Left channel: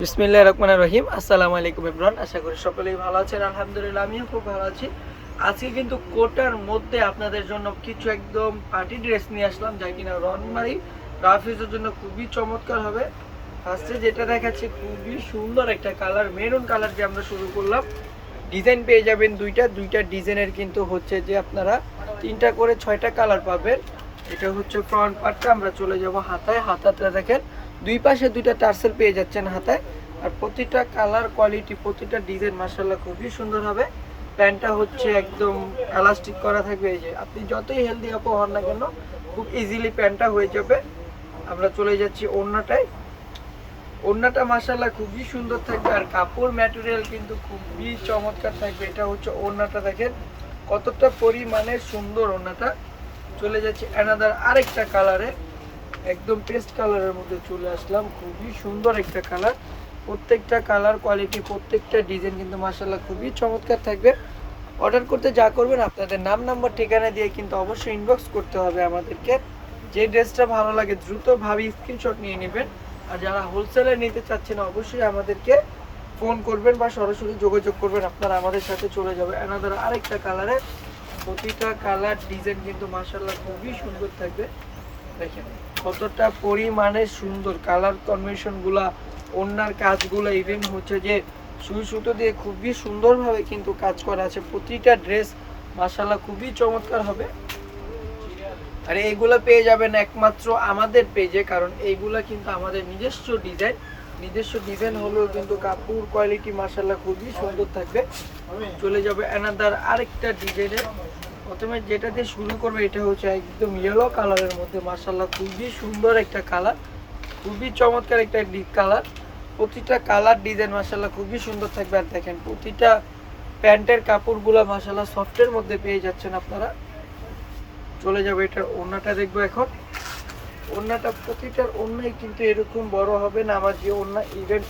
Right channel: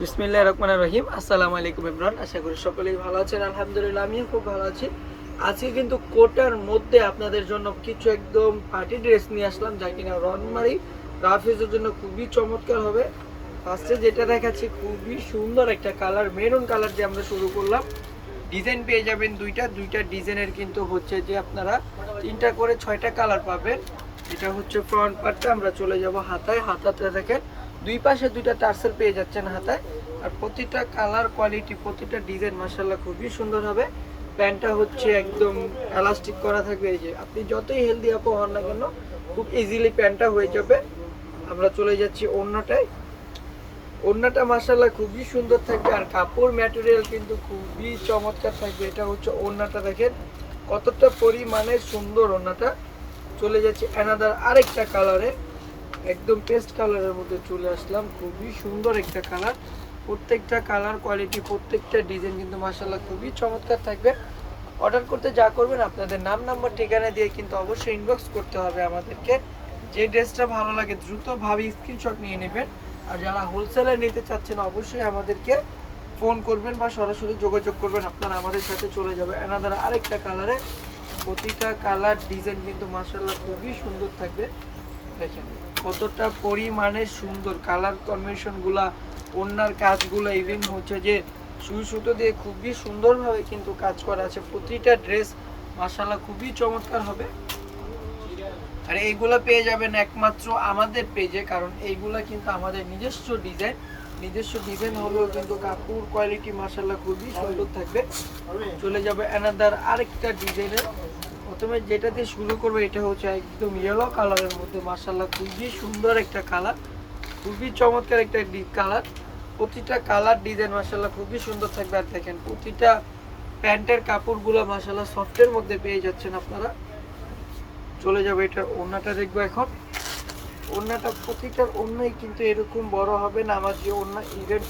বিসমিল্লাহির রহমানির রহিম। আসসালামু আলাইকুম ইমরান, আশা করি সকলেই ভালো আছেন। আলহামদুলিল্লাহ আমিও খুব ভালো আছি। আজকে কিন্তু কোটার মধ্যে আপনাদের জন্য কিছু একদম পার্টি ড্রেস নিয়ে আসলাম, যা কিনা রনমারি রাফিজের জন্য খুবই চমৎকার হবে। ফার্স্টে যেটা দেখাচ্ছি খুবই সুন্দর একটা কালার, মেরুন কালার দিয়ে আমরা শুরু করলাম। ডিজাইন পেয়ে যাবেন দুইটা ডিজাইনের, কিন্তু হচ্ছে যে আপনারা 3টা করে 6টা কালার পাবেন। এটা হচ্ছে ফ্রন্ট পার্টটা। আমরা চলে যাব হাতায়। হাতাটা দেখেন দুই পাশে 2টা টার্সেল পেয়ে যাচ্ছেন হাতায়। আর প্রতিটা কালার কোয়ালিটি, প্রতিটা ডিজাইন মাশাআল্লাহ খুবই সুন্দর হবে। প্যান্টটা হচ্ছে একদম এলাস্টিক করা থাকবে। এই যে আপনি যতই হেলদি আপু হন না কেন, খুব ইজিলি প্যান্টটা হয়ে যাবে। আমরা চলে যাচ্ছি ওড়নাটায়। ওড়নাটা মাশাআল্লাহ খুবই সুন্দর থাকবে, আর কাপড় ম্যাটেরিয়াল কিন্তু খুবই চমৎকার থাকবে। এটা হচ্ছে ওড়নাটা, দেখেন কতটা পরিমাণে সুন্দর ওড়নাটা। চলে যাচ্ছে অ্যানাদার আরেকটা কালারে, একদম পেস্ট কালারের মধ্যে চলে আসলাম। খুবই সুন্দর একটা কালার, প্রত্যেকটা কালার কোয়ালিটি, প্রত্যেকটা ডিজাইন কিন্তু মাশাআল্লাহ খুবই চমৎকার থাকবে। অর্ডার করতে যা করবেন আপনাদের নাম নাম্বার ঠিকানা দিয়ে কিন্তু অবশ্যই ইনবক্স করতে হবে আমাদেরকে। যে ড্রেসটা ভালো লাগে দ্রুতভাবে স্ক্রিনশট নিয়ে নেবেন। আর যারা হোলসেলে নিতে চাচ্ছেন অবশ্যই আমাদেরকে ফোন করবেন বা সরাসরি যোগাযোগ করবেন, আপনারা আমাদের সাথে চলে যাবে অ্যানাদার আরেকটা কালারে। প্রতিটা কালার ডিজাইন কিন্তু মাশাআল্লাহ খুবই সুন্দর থাকবে। দেখেন কতটা পরিমাণে সুন্দর কালার কম্বিনেশনগুলা, ওড়নার কাজগুলো, ইভেন হচ্ছে যে সুই সুতো দিয়ে খুবই সুন্দরভাবে কিন্তু কাজ করা আছে। প্রতিটা ড্রেস মাশাআল্লাহ খুবই চমৎকার হবে। আর এইগুলা পেয়ে যাবেন একমাত্র আমাদের পেজে, কারণ এইগুলা কিন্তু আমাদের নিজস্ব ডিজাইন হলেও কিন্তু কাপড় কোয়ালিটি মাশাআল্লাহ খুবই সুন্দর থাকবে। চলে যাবে অ্যানাদার আরেকটা ডিজাইনের। প্রথমে যেটা দিয়ে শুরু করবে এটা হচ্ছে একদম ইয়েলো কালারের মধ্যে, মাশাআল্লাহ খুবই সুন্দর একটা কালার, খুবই চমৎকার একটা ডিপ কালার। প্রতিটা কালার ডিজাইন মাশাআল্লাহ খুবই সুন্দর থাকবে। আর দেখেন প্রতিটা প্যান্টের কাপড়গুলো মাশাআল্লাহ সফটের মধ্যে পেয়ে যাচ্ছেন আপনারা। চলে যাবে এটার ওড়নাটা দেখবো এখন। ওড়নাটা প্রতিটার ওড়নাই কিন্তু এরকম বড় হবে না, আমার যে ওড়না ইভেন্ট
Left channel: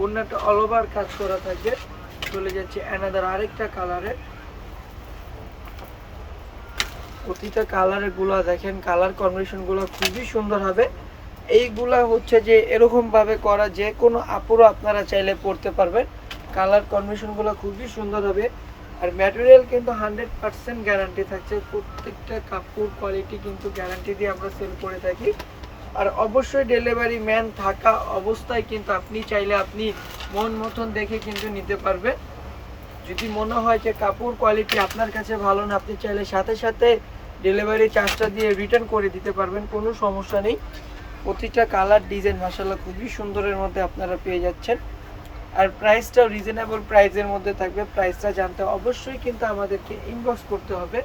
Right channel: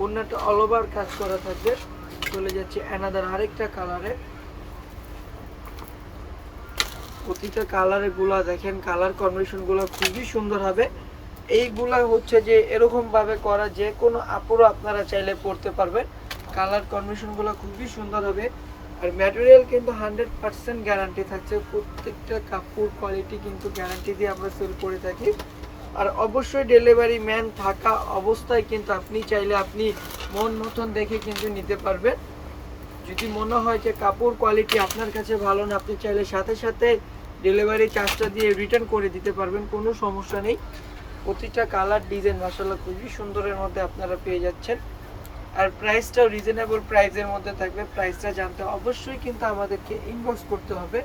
ওড়নাটা অল ওভার কাজ করা থাকবে। চলে যাচ্ছে অ্যানাদার আরেকটা কালারে। প্রতিটা কালারের গুলা দেখেন, কালার কম্বিনেশন গুলো খুবই সুন্দর হবে। এইগুলা হচ্ছে যে এরকম ভাবে করা, যে কোনো আপুরা আপনারা চাইলে পড়তে পারবেন। কালার কম্বিনেশন গুলো খুবই সুন্দর হবে। আর ম্যাটেরিয়াল কিন্তু 100% গ্যারান্টি থাকছে। প্রত্যেকটা কাপড় কোয়ালিটি কিন্তু গ্যারান্টি দিয়ে আমরা সেল করে থাকি। আর অবশ্যই ডেলিভারি ম্যান থাকা অবস্থায় কিন্তু আপনি চাইলে আপনি মন মতন দেখে কিন্তু নিতে পারবেন। যদি মনে হয় যে কাপড় কোয়ালিটি আপনার কাছে ভালো না, আপনি চাইলে সাথে সাথে ডেলিভারি চার্জটা দিয়ে রিটার্ন করে দিতে পারবেন, কোনো সমস্যা নেই। প্রতিটা কালার ডিজাইন মাশাআল্লাহ খুবই সুন্দরের মধ্যে আপনারা পেয়ে যাচ্ছেন। আর প্রাইসটাও রিজনেবল প্রাইসের মধ্যে থাকবে। প্রাইসটা জানতে অবশ্যই কিন্তু আমাদেরকে ইনবক্স করতে হবে,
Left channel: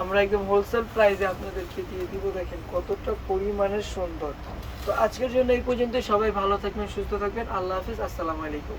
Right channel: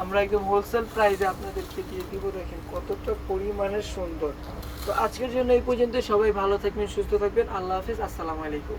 আমরা একদম হোলসেল প্রাইসে আপনাদেরকে দিয়ে দিব। দেখেন কতটা পরিমাণে সুন্দর। তো আজকের জন্য এই পর্যন্ত। সবাই ভালো থাকবেন, সুস্থ থাকবেন। আল্লাহ হাফিজ, আসসালামু আলাইকুম।